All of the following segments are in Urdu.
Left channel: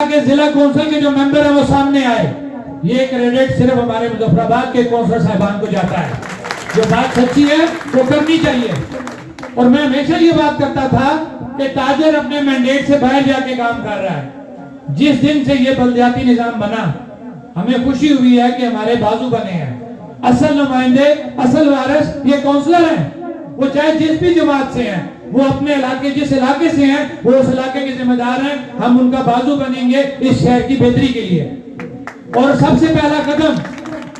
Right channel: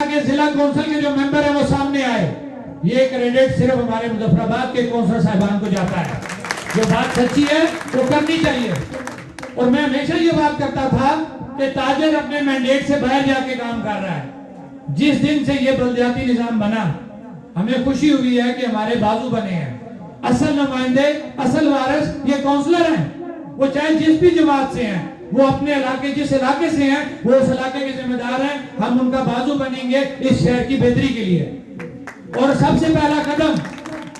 کہ ضلع کونسل کے جو ممبر ہیں وہ سامنے آئے. یہ کریڈٹ صرف ہمارے مظفر آباد کے کونسل صاحبان کو جاتا ہے. جو بات سچی ہے وہ کرنی چاہیے. اور میں ہمیشہ یہ بات کرتا تھا کہ تاجر اپنے مینڈیٹ سے باہر جا کے کام کر رہا ہے. جس دن سے یہ بلدیاتی نظام بنا ہمیں خوشی ہوئی ہے کہ ہمارے بازو بنے ہیں. اصل نمائندے اصل وارث یہ کونسلر ہیں. وہ چاہے جس بھی جماعت سے ہیں, وہ اپنے علاقے جس علاقے سے ہیں وہ اس علاقے کے ذمہ دار ہیں. ہم ان کا بازو بنیں گے اس شہر کی بہتری کے لیے. اور سب سے پہلا قدم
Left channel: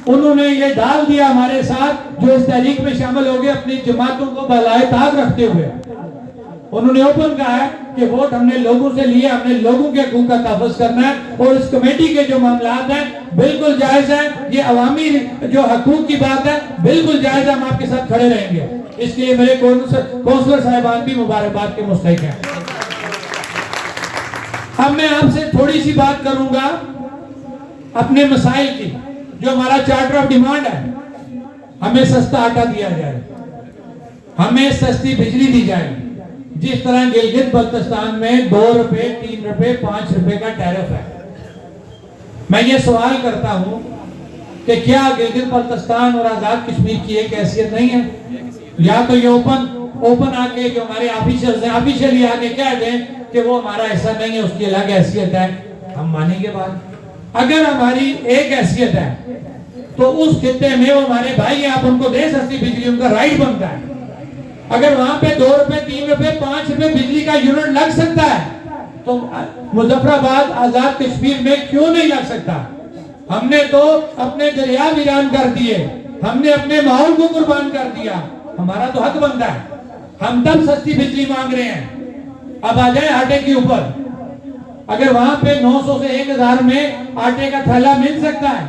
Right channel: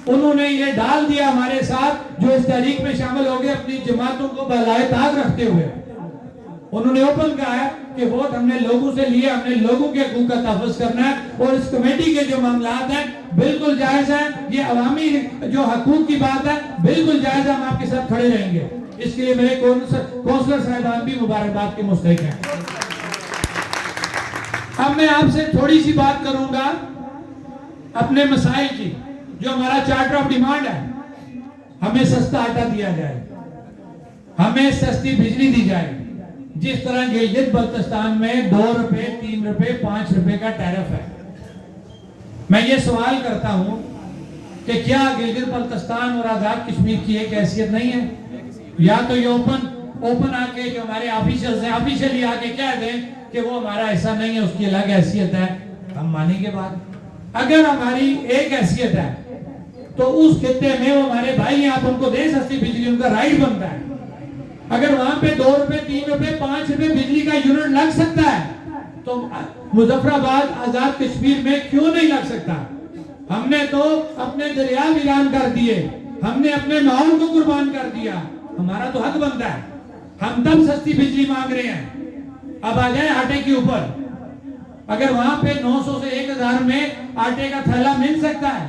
انہوں نے یہ ڈال دیا ہمارے ساتھ جو اس تحریک میں شامل ہو گئے, اپنی جماعتوں کو بالائے طاق رکھتے ہوئے انہوں نے اوپن کہا ہے کہ ووٹ ہم نے لوگوں سے لیے, ہم نے لوگوں کے حقوق کا تحفظ کرنا ہے. اور اس کمیٹی کے جو معاملات ہیں بالکل جائز ہیں. یہ عوامی جو حقوق کی بات ہے بالکل جائز ہے. ہم آپ کے ساتھ کھڑے رہیں گے. اس کے لیے میرے کونسلر صاحبان بھی مبارکباد کے مستحق ہیں. اب میں آپ سے تھوڑی سی بات کروں گا اپنے مسائل کی. جو ہمارا چارٹر آف ڈیمانڈ ہے, ہمیں سستا آٹا دیا جائے, ہمیں سستی بجلی دی جائے. جس طرح گلگت بلتستان میں 2 روپے 3 روپے 5 روپے کا ٹیرف ہے. میں یہ سوال کرتا ہوں کہ کیا گلگت بلتستان اور آزاد کشمیر کی ایک حیثیت نہیں ہے؟ یا تو یہ اوپن آ کے جو ہمارے آفیشلز ہیں آفیشلی آ کے کہہ دیں کہ وہ ہمارا ایسا نہیں ہے, اس کی الگ حیثیت ہے, ہم مانیں گے بات. اگر ہماری ایک حیثیت ہے تو اس خطے میں وہ ہمارے بھائی ہیں, آپ ان کو دیں سستی بجلی, ان کا رائٹ بنتا ہے. اگر وہاں پہ 2 روپے 3 روپے 5 روپے بجلی کا یونٹ لگ سکتا ہے تو مظفر آباد آزاد کشمیر میں کیوں نہیں لگ سکتا؟ ہم نے تو اپنے دریا ویران کر دیے, ہم نے اپنے ماحول کو قربان کر دیا. ہمارا تو حق بنتا ہے. ہم تب سستی بجلی مانگ رہے ہیں. اب آ جائیں آٹے کے اوپر. اگر وہاں پہ 900 سے 1000 میں آٹے کا تھیلا مل سکتا ہے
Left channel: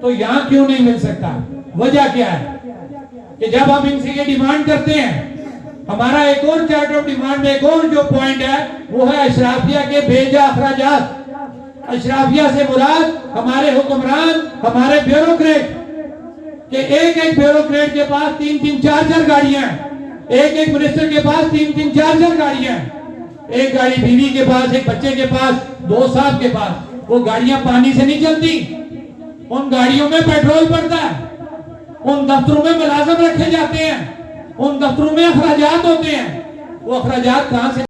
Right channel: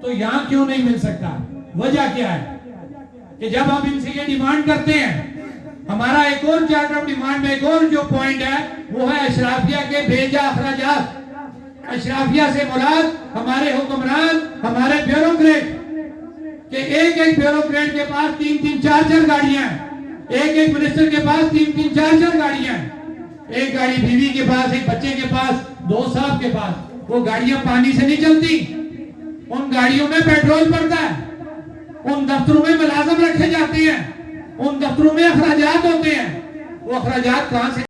تو یہاں کیوں نہیں مل سکتا؟ وجہ کیا ہے کہ جب ہم ان سے یہ ڈیمانڈ کرتے ہیں, ہمارا ایک اور چارٹر آف ڈیمانڈ میں ایک اور جو پوائنٹ ہے وہ ہے اشرافیہ کے بھیجا اخراجات. اشرافیہ سے مراد ہمارے حکمران, ہمارے بیوروکریٹ, کہ ایک بیوروکریٹ کے پاس 3 4 گاڑیاں ہیں, ایک منسٹر کے پاس 3 4 گاڑیاں ہیں. ایک گاڑی بیوی کے پاس, ایک بچے کے پاس, 2 صاحب کے پاس. وہ گاڑیاں پانی سے نہیں چلتی, ان گاڑیوں میں پیٹرول پڑتا ہے, ان دفتروں میں ملازم رکھے جاتے ہیں, ان دفتروں میں اخراجات ہوتے ہیں. وہ اخراجات کہاں سے